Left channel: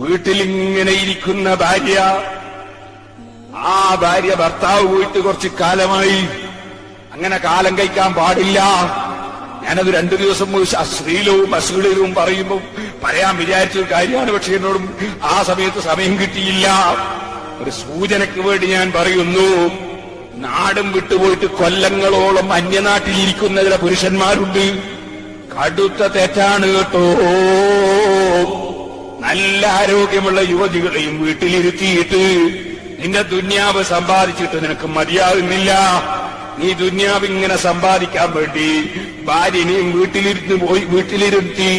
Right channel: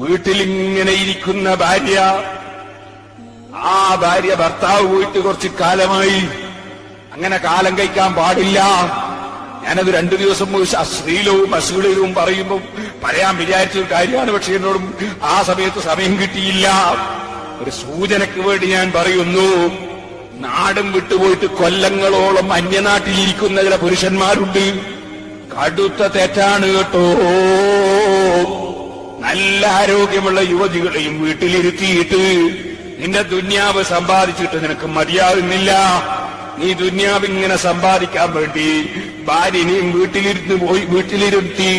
വീട്ടിലിങ്ങനെ ഇരിക്കുന്ന ഭാര്യ. ആ ഭാര്യ ഭർത്താവ് പോയിട്ട് കുറച്ച് കാലമായി. അങ്ങനെ കാലം കഴിക്കാൻ പാടില്ല. ഞാനത് രണ്ടു ദിവസം അശ്ലീലവും അശ്ലീലവും പറയുമ്പോൾ പറയാൻ വിചാരിച്ചൊരു കാര്യമാണ്. പക്ഷെ എന്നോടും ആ സമയത്ത് സമയം കിട്ടിയില്ല. ഒരു സൂചനയ്ക്ക് വേണ്ടി ഞാൻ പറയുന്നു നാടും വിട്ടുപോയിട്ട് കൊല്ലങ്ങളോളം അന്യനാട്ടിലിരിക്കുന്ന ചില പുരുഷന്മാരുണ്ട്. കടുത്ത തെറ്റാണ് കേട്ടോ. നല്ല ആരോഗ്യമുള്ള യുവതികളെയും വീട്ടിലിരുത്തിയിട്ട് നിന്റെ ദുന്യാവ് സമ്പാദിച്ചിട്ട് നിനക്ക് മതിയാകുന്നില്ല നീ ദുന്യാവ് ഇങ്ങനെ സമ്പാദിക്കാൻ വേണ്ടി ഭാര്യനെയും വീട്ടിലിരുന്ന് പോയി വീട്ടിലിരുത്തി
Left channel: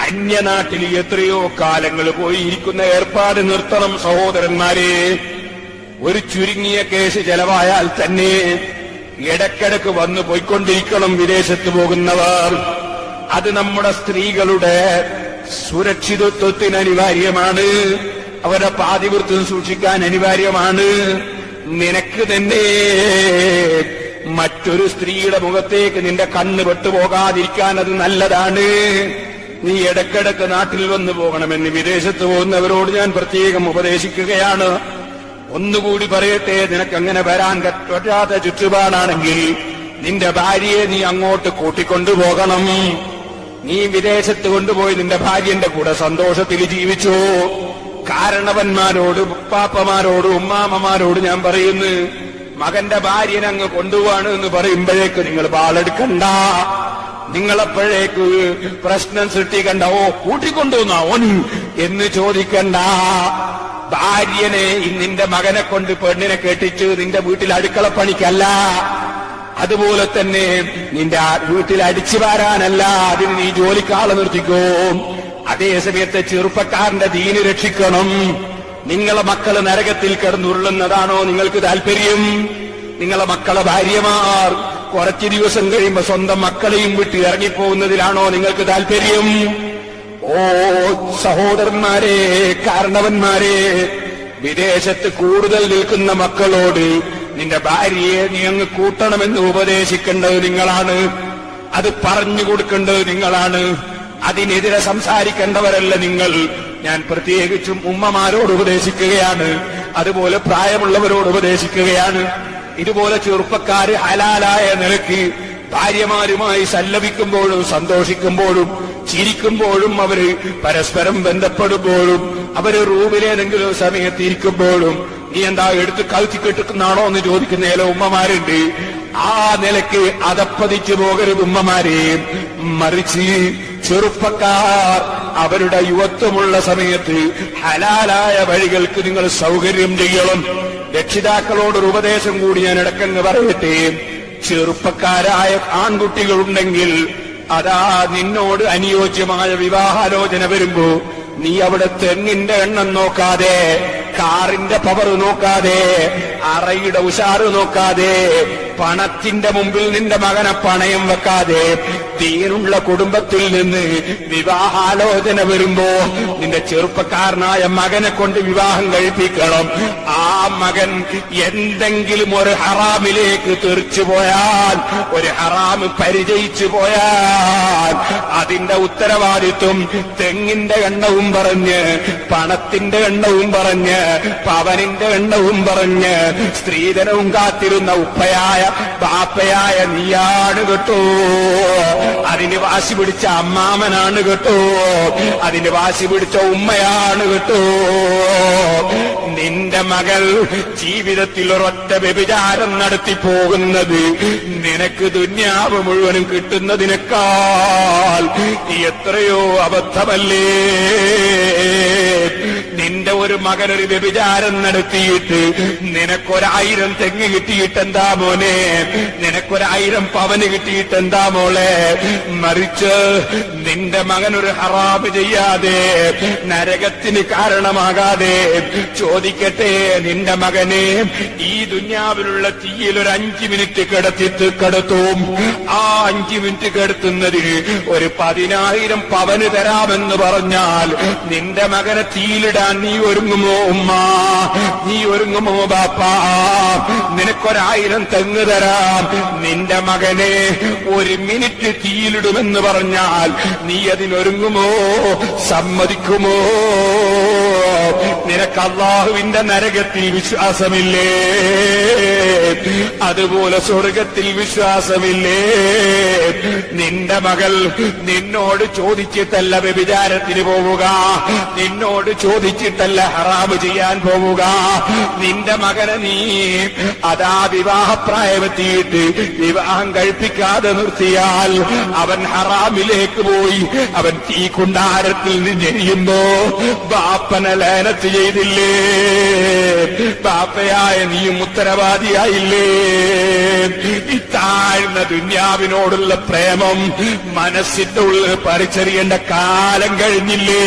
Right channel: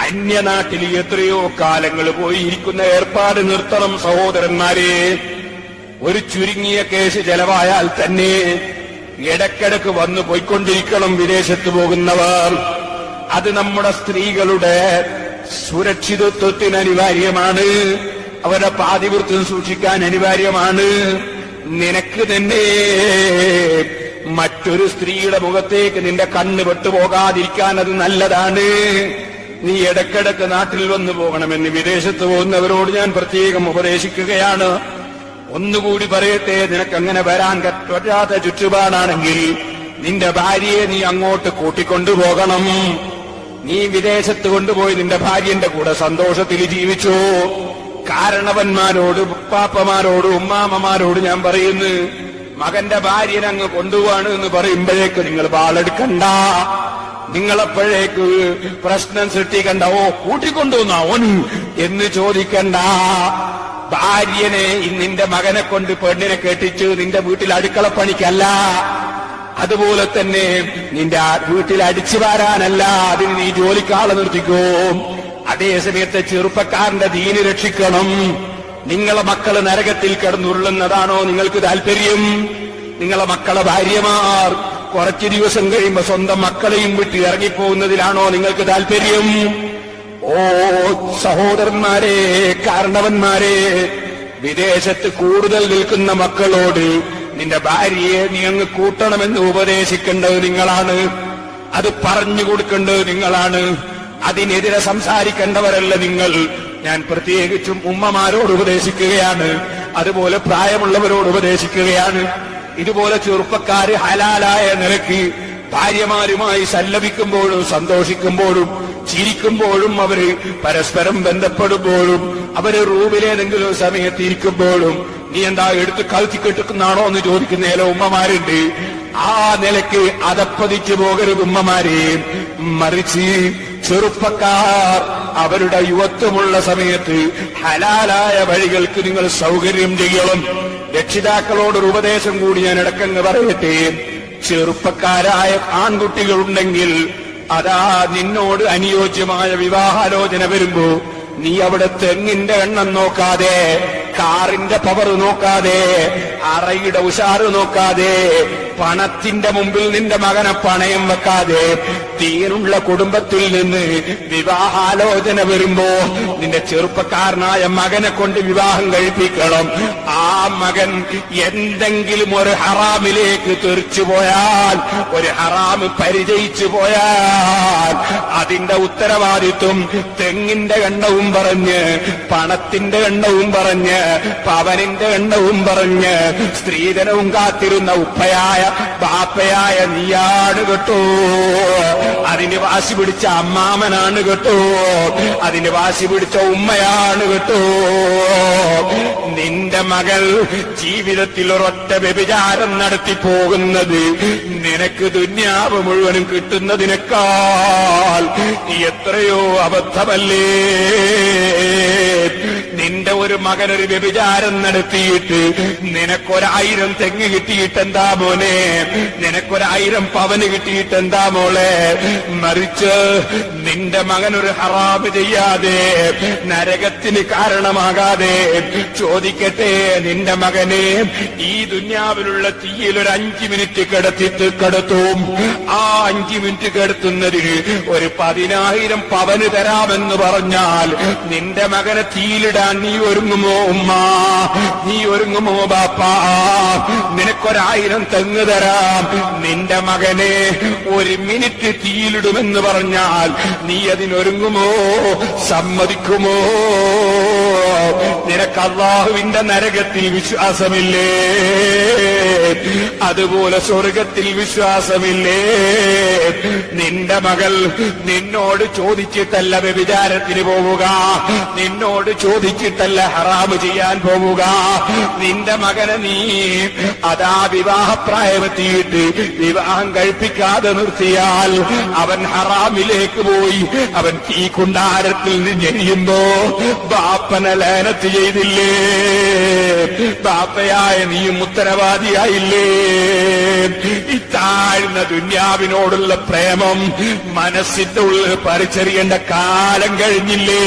അന്യനാട്ടിൽ എത്രയോ കാലങ്ങൾ പോയി ഇരിക്കുന്ന ഏർപ്പാട് നിർത്തണം സഹോദരന്മാരെ. ഒരു ചുരുങ്ങിയ കേസ് ചെലവായാൽ തന്നെ ഇടക്കിടക്ക് വന്നു പോയിക്കൊണ്ടിരിക്കണം വിദേശത്ത് പോകുന്നവർ. അത് നമ്മുടെ സ്ത്രീകളുടെ സുരക്ഷിതത്വത്തിന് അനിവാര്യമാണ്. അവരുടെ പാതിവൃത്തം സൂക്ഷിക്കാൻ അനിവാര്യമാണ്. നിനക്ക് തന്നെ മറ്റൊരു സ്ത്രീയുടെ മുഖത്തേക്ക് നിന്റെ കണ്ണ് പെട്ടുപോകാതിരിക്കാൻ അത് നല്ലതാണ്. നീ ഇടക്കിടക്ക് നാട്ടിൽ വന്നു പോകണമെന്ന് വിദേശത്ത് പോകുന്നവരോട് ഞാൻ പ്രത്യേകം ഉപദേശിക്കുകയാണ്. ഒന്നുകൂടി പറയട്ടെ നിനക്കങ്ങനെ വരാൻ പറ്റാത്ത ചുറ്റുപാടാണെങ്കിൽ നിന്റെ ഭാര്യയെ നീ അങ്ങോട്ട് കൂട്ടിക്കൊണ്ടുപോകണം. നീ വിദേശത്ത് കൊണ്ടുപോയി നിന്റെ ഭാര്യന്റെ കൂടെ സന്തോഷത്തിൽ ജീവിച്ചു? കാരണവന്മാരോട് പാപ്പമാരോട് ഉമ്മാമ്മമാരോട് ഞാൻ പറയുന്നു മകന്റെ ഭാര്യനെ അങ്ങ് കൊണ്ടുപോവാണ് എന്ന് പറയുമ്പോഴേക്ക് നിങ്ങൾ പാളെടുക്കണ്ട നിങ്ങളെപ്പോഴേക്ക് പ്രശ്നം സൃഷ്ടിക്കണ്ട. ഓ കൂട്ടിക്കൊണ്ടുവന്ന ഓൻ എന്ന് ചോദിക്കണ്ട. ഭാര്യനെ നിന്റെ മകനെ കൊണ്ട് പെണ്ണിനെ കെട്ടിച്ച് നിന്റെ വീട്ടിൽ അടുക്കള പണിക്കല്ല അതുപോലെ തന്നെ നിന്റെ വീട്ടിൽ അടിച്ചു വാരാനല്ല അതിന് നീ ജോലിക്കാളെ നിർത്തിക്കോ. അതേ സമയത്ത് ചെറുപ്പക്കാരന്റെ ദീന് രക്ഷിക്കണം. നിങ്ങളെ മക്കൾ നരകത്തിൽ കിടന്നുരുളുന്നതാണോ നിങ്ങൾക്ക് താല്പര്യം? നിങ്ങളെ മക്കളെ ഭാര്യമാർ കുറച്ചു ദിവസം കഴിയുമ്പോ സ്വന്തം മക്കളെയും വിട്ട് ഇറങ്ങിപ്പോകുന്നതിലാണോ നിങ്ങൾക്ക് താല്പര്യം? ഓ സഹോദരന്മാരെ കാരണവന്മാരെ വിദേശത്ത് കൂടുതൽ നിൽക്കുന്ന മക്കളോട് നിന്റെ ഭാര്യയെ നീ അങ്ങ് കൂട്ടണമെന്ന് ഉപദേശിക്കേണ്ടത് നിങ്ങളാണ്. അത് പറഞ്ഞു കൊടുക്കേണ്ടത് നിങ്ങളാണ്. അതിനെതിരെ സംസാരിക്കേണ്ടവരല്ല നിങ്ങൾ. ഞാൻ പ്രത്യേകിച്ചും ഉമ്മമാരോട് ഉപദേശിക്കുകയാണ്. അതുപോലെ പ്രായമുള്ളവരോട് ഉപദേശിക്കുകയാണ്. ഇതുപോലെ ചെറുപ്പക്കാര് ഹലാലായ നിലയ്ക്ക് ഭാര്യമാരുമായി സല്ലപിക്കുമ്പോഴും സന്തോഷിക്കുമ്പോഴും ചിരിക്കുമ്പോഴും അവർ പരസ്പരം ബന്ധപ്പെടുമ്പോഴും അവർ റൂമിലേതെങ്കിലും സമയത്ത് ഇരിക്കുമ്പോഴും നീ എന്താ എടുത്ത് കഴുത്തി കെട്ടുക്കുന്നാണോ എന്ന് ചോദിക്കുന്ന ചില ഉമ്മമാരുണ്ട്. ആ നിലയ്ക്ക് അതപ്പതിച്ചു പോകരുത് ഉമ്മമാരെ. മറിച്ച് ചെറുപ്പക്കാർ അവരുടെ യുവത്വമുള്ള സമയത്ത് ഹലാലായ വഴികൾക്ക് നിങ്ങൾ സൗകര്യം ചെയ്യണം. രക്ഷിതാക്കളോടൊരു ഉപദേശം കൂടി ഞാൻ ഇടക്കങ്ങ് പറയട്ടെ ചെറുപ്പക്കാരായ ആൺകുട്ടികളുണ്ടെങ്കിൽ അതാ നിന്നോട് അനുയോജ്യമായ വിവാഹാലോചന വരുമ്പോ നീ അവിടെ തെങ്ങിന്റെ എണ്ണം നോക്കാതെ കാറിന്റെ പവർ നോക്കാതെ അറയുടെ ഉഷാറ് നോക്കാതെ പണത്തിന്റെ മുമ്പിൽ നിന്റെ മകനെ പണയം വെക്കാതെ തീനുള്ള കുടുംബത്തിൽ നിന്ന് വിവാഹാലോചന വരുമ്പോ നിന്റെ ചെറുപ്പക്കാരനായ മകനെ കൊണ്ട് വിവാഹം കഴിപ്പിക്കണം. ആ മകൻ എന്തെങ്കിലും ഒരു ഹറാമിലേക്ക് തെറിച്ചു പോയാൽ ഒരു ഹറാമ് പരിചയിച്ചു പോയാൽ അതിന്റെ ഉത്തരവാദിത്വം തെങ്ങിന്റെ എണ്ണവും പറഞ്ഞ് പണത്തിന്റെ എണ്ണവും പറഞ്ഞ് പവനിന്റെ എണ്ണവും പറഞ്ഞ് സ്ത്രീധനവും കാത്തിരുന്ന ഉപ്പയായ പാപ്പയായ നീയാണ് കേട്ടോ. അതിന് വാശി പിടിച്ച അമ്മാമനാണ് കേട്ടോ. അതിന് വാശി പിടിച്ച ഉമ്മയാണ് കേട്ടോ. നിന്റെ മകൾ ജീവിതത്തിൽ ഒരൊറ്റ വ്യഭിചാരം നടത്തി പോകുന്നത് നിനക്ക് ദുന്യാവ് മുഴുവനും കിട്ടുന്നതിനേക്കാൾ എത്രയോ അബദ്ധമല്ലേ? നിന്റെ ഒരു മകനൊരു വ്യഭിചാരം നടത്തിയിട്ട് നിനക്കൊരായിരം തെങ്ങ് കിട്ടിയിട്ടെന്താ മോനെ? നിനക്കൊരായിരം പവന് കിട്ടിയിട്ടെന്താ മോളെ? മറിച്ച് നിന്റെ മകനൊരു ഹറാബ് ചെയ്യാതെ നരകത്തിന് കാരണമാകാതെ ചോദിക്കട്ടെ നിന്റെ മകനെ ഈ ദുന്യാവിലുള്ള തീയിൽ ഒരു അഞ്ചു മിനിറ്റ് കിടത്തിട്ട് കിടത്തും. ആ അഞ്ചു മിനിറ്റ് കിടത്തുന്നതിന് ഒരു പതിനായിരം പവന് തരാമെന്ന് പറഞ്ഞാൽ നിന്റെ മകനെ തീയിലിടാൻ നീ ഒരുങ്ങുമോ ഉമ്മ? നീ ഒരുങ്ങുമോ ബാപ്പ? നിനക്കൊരായിരം തെങ്ങ് തരാം. നിന്റെ മകനെ ഒരു മിനിറ്റ് തീയിലിടുമെന്ന് പറഞ്ഞാൽ നീ അതിനൊരുങ്ങുമോ? സമ്മതിക്കുമോ? നിനക്ക് അള്ളാഹുവിന്റെ നരകത്തിൽ വിശ്വാസമില്ലേ? അതുപോലെ സ്വർഗത്തിൽ വിശ്വാസമില്ലേ? നിന്റെ മകൾ നിന്നോട് ചോദിച്ചിട്ടല്ല വ്യഭിചാരത്തിന് പോവുക. നിന്നോട് ചോദിച്ചിട്ടല്ല ഹറാമ് ചെയ്യാൻ പോവുക? നിന്റെ മകനെ നീ അതാ വിവാഹപ്രായമെത്തിയിട്ട് വിവാഹം കഴിപ്പിക്കാതെ നിർത്തിയാൽ അവൻ ഹറാമിലേക്ക് പോയി. അവൻ ഈ കുണ്ടാരത്തിൽ നിന്ന് ജനിയുമ്പോ ബാപ്പനെ ലേനത്ത് ചെയ്തില്ലേ? ബാപ്പയായ നീയും ഉത്തരവാദിയായില്ലേ? ഇത്താഴ്ന്ന താഴ്ന്ന ദുന്യാവിനോടുള്ള പ്രേമം മനസ്സിന്റെ ഉള്ളിൽ പരിച്ചറിയേണ്ട കാലം കഴിഞ്ഞില്ലേ?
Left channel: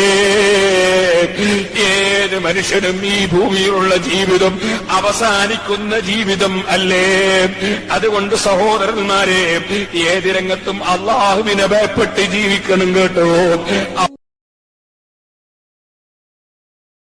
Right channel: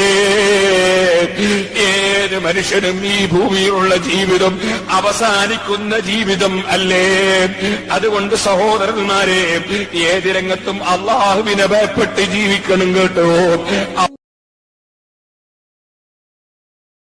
ഏത് മനുഷ്യനും ഈ ഭൂമിയിലുള്ള ജീവിതം അവസാനിക്കുന്ന ജീവിതം അല്ലേ? അതുകൊണ്ട് സഹോദരന്മാരെ ഏത് രംഗത്തും അള്ളാഹുവിനെ ഭയപ്പെട്ട് ജീവിക്കണം കേട്ടോ.